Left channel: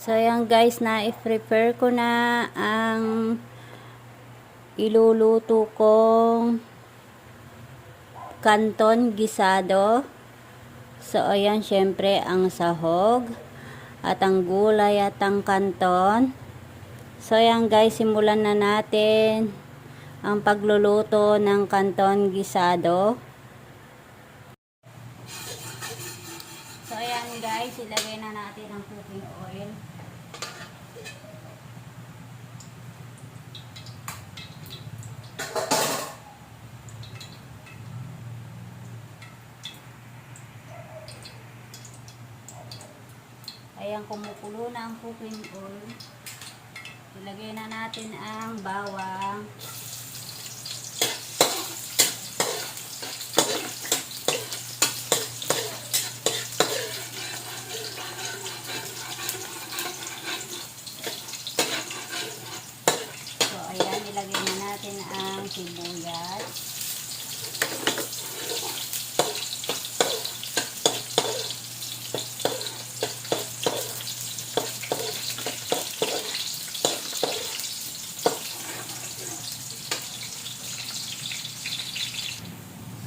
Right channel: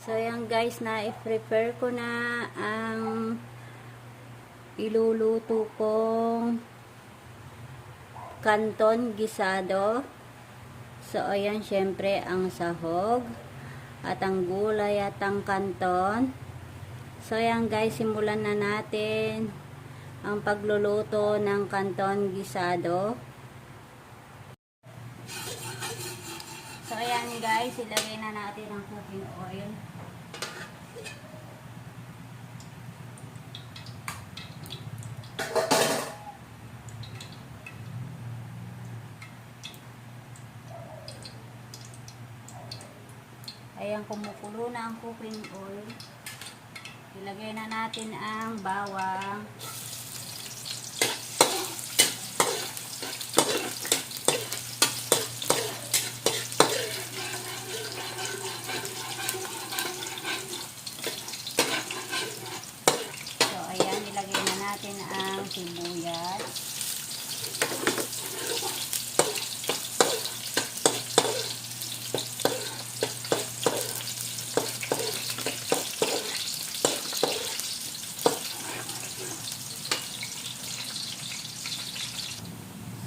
So ayan guys, na-prepare ko na ang iluluto kong kanton gisado. So ayan, syempre ang sahog at ang gulay at ang kanton. So ayan guys, simulan na natin ang pagluluto ng kanton gisado. So ayan guys, ilagay na natin ang cooking oil. Ayan, kumukulo na ang cooking oil. Ilagay na natin ang bawang. So, ayan, ilagay na natin ang sibuyas.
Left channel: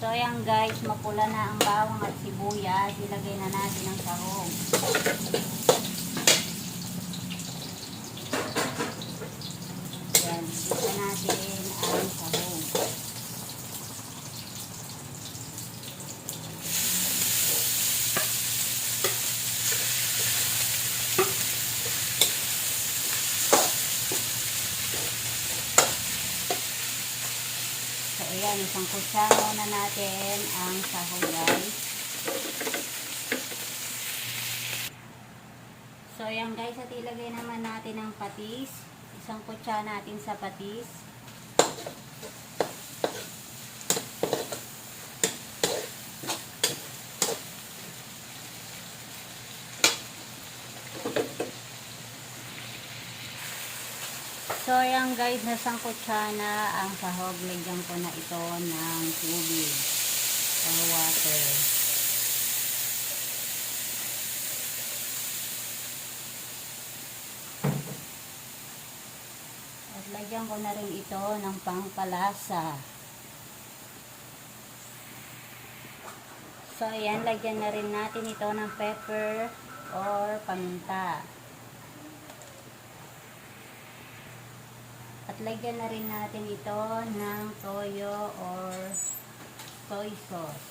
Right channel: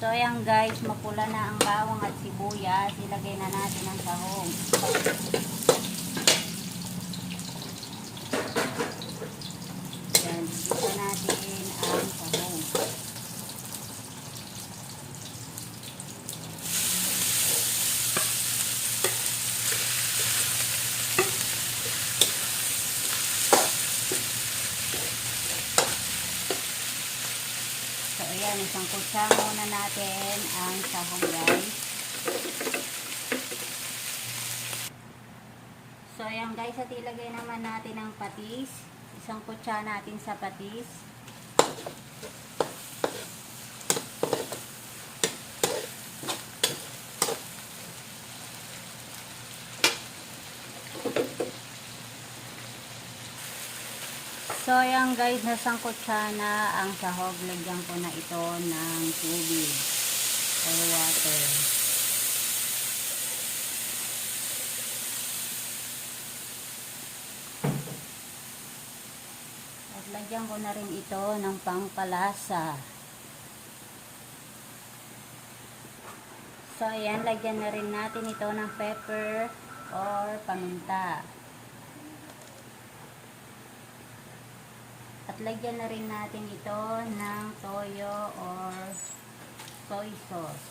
So ayan guys, mapula na ang bawang at sibuyas. Ilagay na natin ang sahog. Ayan, dito natin ang sahog. So ayan, isang kutsara na natin ang sahog guys. So ayan guys, at ilagay naman natin ang patis. Isang kutsara natin sa patis. So ayan guys, nasang kutsara na ang sahog. Lagyan ko na ito ng tubig or water. At lagyan ko na rin ito ng pangkalasa. So ayan, lagyan na rin natin ito ng pepper or paminta. At lagyan na rin natin ito ng toyo or soy sauce.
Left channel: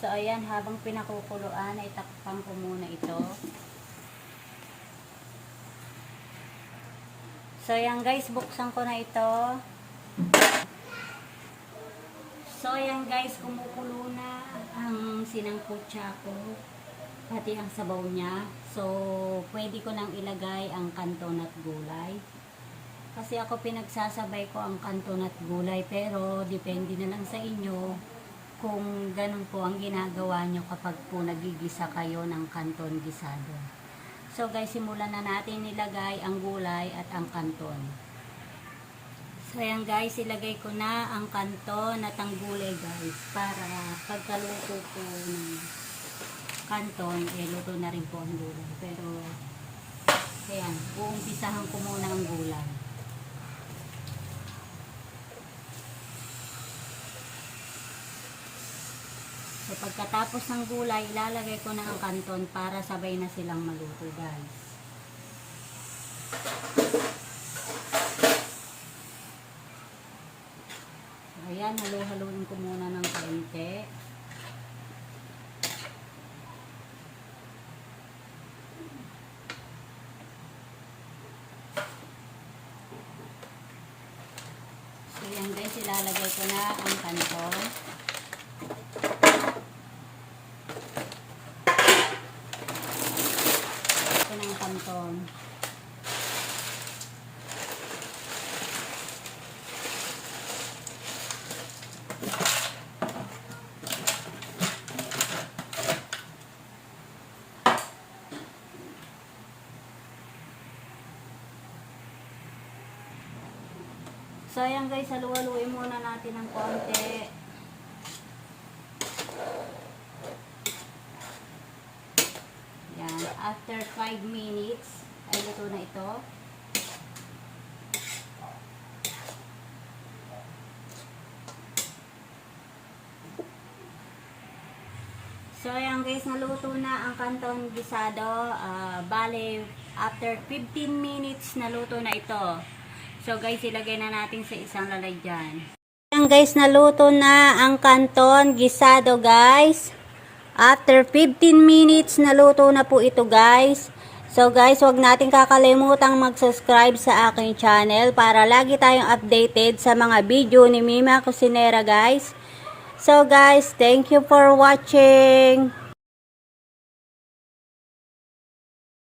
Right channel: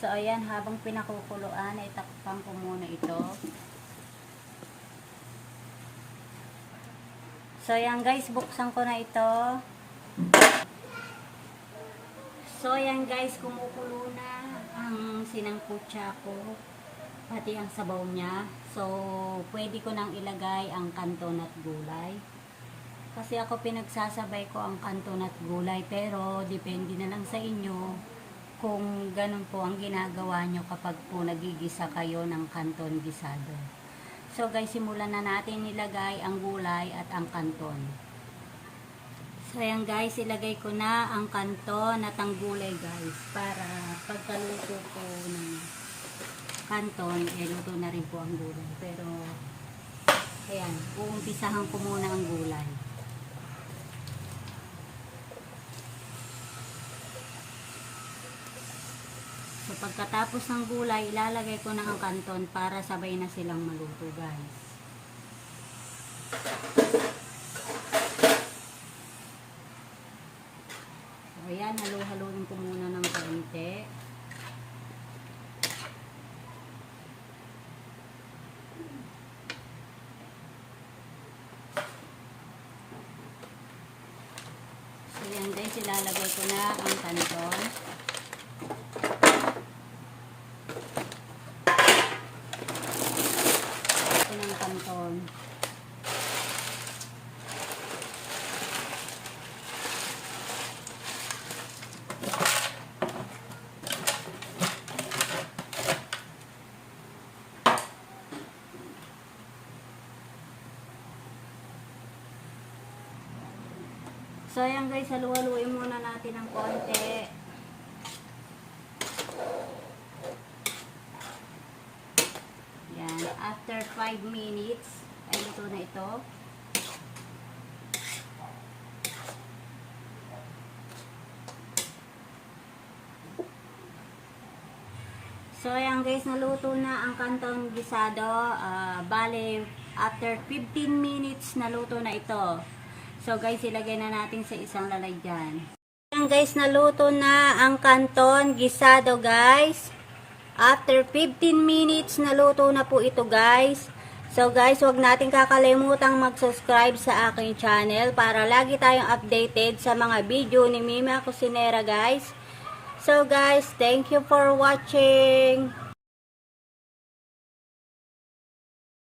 So ayan, habang pinakukuluan, itakpan ko muna ito. So ayan guys, buksan ko na ito. So ayan guys, kumukulo na ang sinangkutsa ko, pati ang sabaw niya. So pwede ko nang ilagay ang kanton at gulay. Kasi ako pinagsasabay ko ang kanton at gulay, pero depende na lang sa inyo kung ganun po ang ginagawa nyo kapag po nagigisa kayo ng kanton gisado. So guys, simulan na natin ilagay ang gulay at ang kanton. So ayan guys, ilagay ko na ang kanton at ang gulay guys, para pagkaluto ko ng kanton, luto na rin po ang gulay. Pero ayan, uumpisahan ko muna ang gulay. So pagkatapos ng gulay, ilalagay ko na ang kanton para sabay na silang maluto guys. So ayan, halo-haloin ko muna ng kaunti. So ayan guys, ilalagay ko na ang kanton. So ayan guys, halu-haluin muna natin ng konti. After 5 minutes, ay luto na ito. So, ayan guys, naluto na ang canton gisado. Bale, after 15 minutes, naluto na ito. So, guys, ilagay na natin sa isang lalagyan. Ayan guys, naluto na ang canton gisado, guys. After 15 minutes, naluto na po ito, guys. So, guys, huwag natin kakalimutang mag-subscribe sa aking channel para lagi tayong updated sa mga video ni Mima Cusinera, guys. So guys, thank you for watching.